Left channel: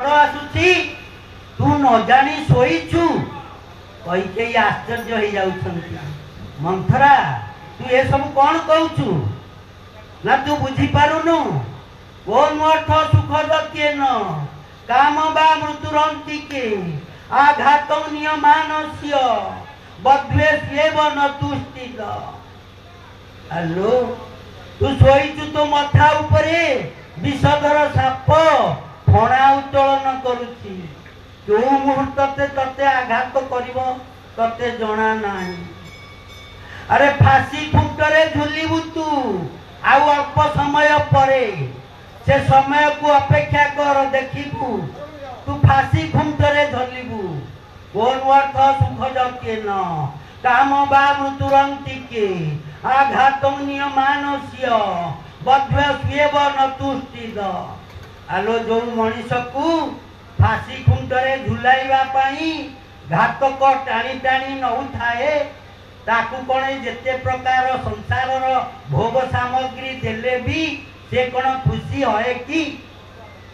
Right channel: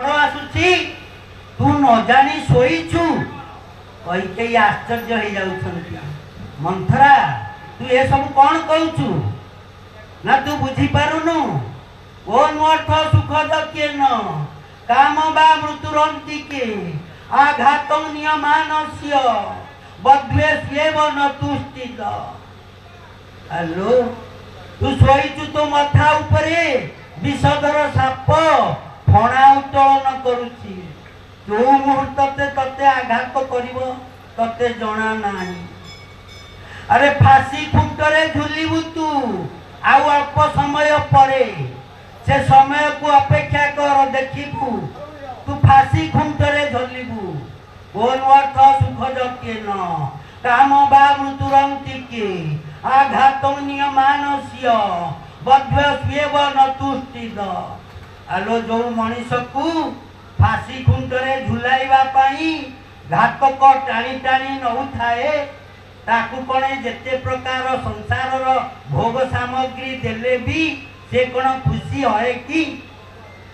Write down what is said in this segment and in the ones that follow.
आसुची तू न जानी शोईचु कई आश्चर्य हो जाउछंती। मंथरा तू ये सब कौन कहूचु ना तू बुझी पारुनु कोन अर्थ सुख किए न काम बा मृत्युरंती के आघातं नियमानस्य बद्वेष्येव न तुष्टिद। हेलो तू शोईचु तो मथा उपरे विषधर साप फणा उत्तोलन करुची जो मुहूर्त तते आघात करिवो तते जना नाही। अरे फांसी खुंटरे झुलिबु तू आउ अल्प समय परे से समय को अपेक्षा कर देखिबु तू फांसी खुंटरे झलिबु कोन अर्थ सुख जके न काम बा मृत्युरंती के आघातं नियमानस्य बद्वेष्येव न तुष्टिद। आलो जो मनीष को फांसी खुंटरे झुलाइबा पाई घातक टाणी टाणी नौ थाए ताकू कौन जेते प्रकार संसार भोग सामग्री देले भी से कौन खुशी है कि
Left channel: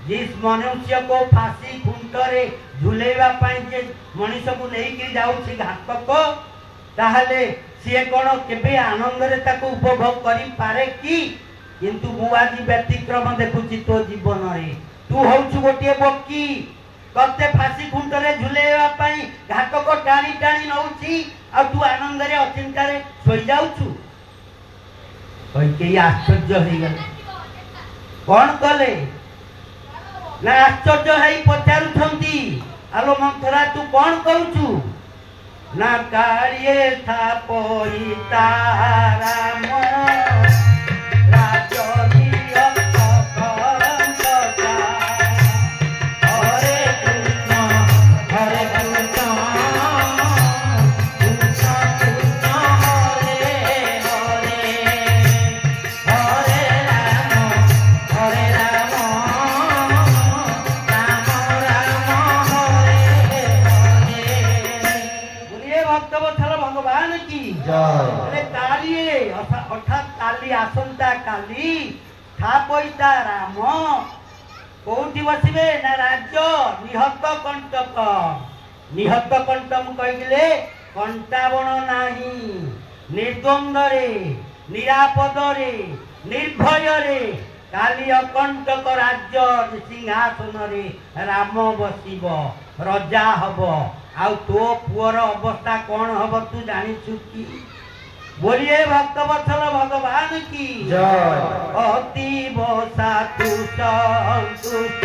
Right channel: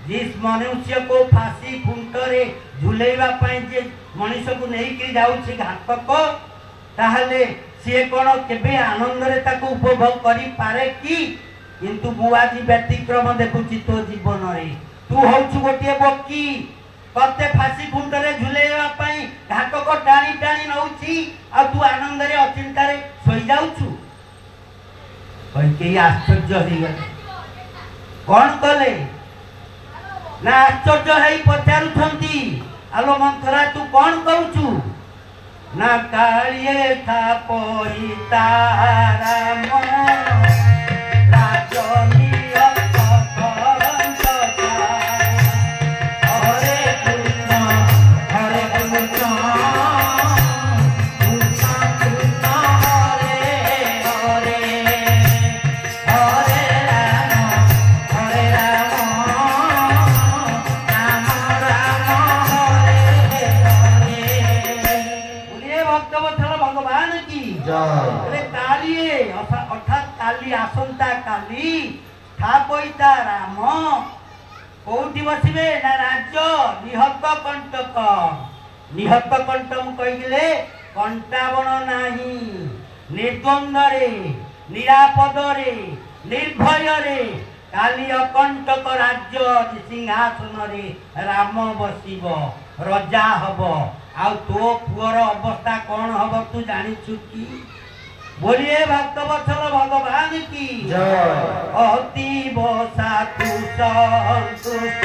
जिस मनुष्य को फांसी खुंटरे झुलाइबा पाई जे मनीष को नहीं कि जाउछि घातक ताहले से कौन केबे आनंद रे ताकू उपभोग करि पारे कि किंतु मुआजी व्यतिक्रम देखुची तो जीवन रे तू होछु गोटे बक्की कते फांसी खुंटरे झुलेवा पाई घातक टाणी टाणी नउची आ तू आनंद रे अचिंता रे सोई जाउछु कई आश्चर्य हो गए। कौन कले ना आश्चर्य है पचारुछंती आलो मंथरा तू कौन करूछु ना कालिए था पई ताराम अर्थात काली आसंता काली थापईता राम कोठी बसिबे ना राज्य निहत कंटक निहत कंटक कहिले कंटावन नाही निर्द्वंद रे निरापद रे निर्भय रे काली अकंटक राज्य सिंहासन रे राम बसिब रजा हब आ तो पुअर अवस्था कौन हब तू जानिछु की बोलिए भक्तवत्सल भगवान की जय। अतीव साधु संतुष्ट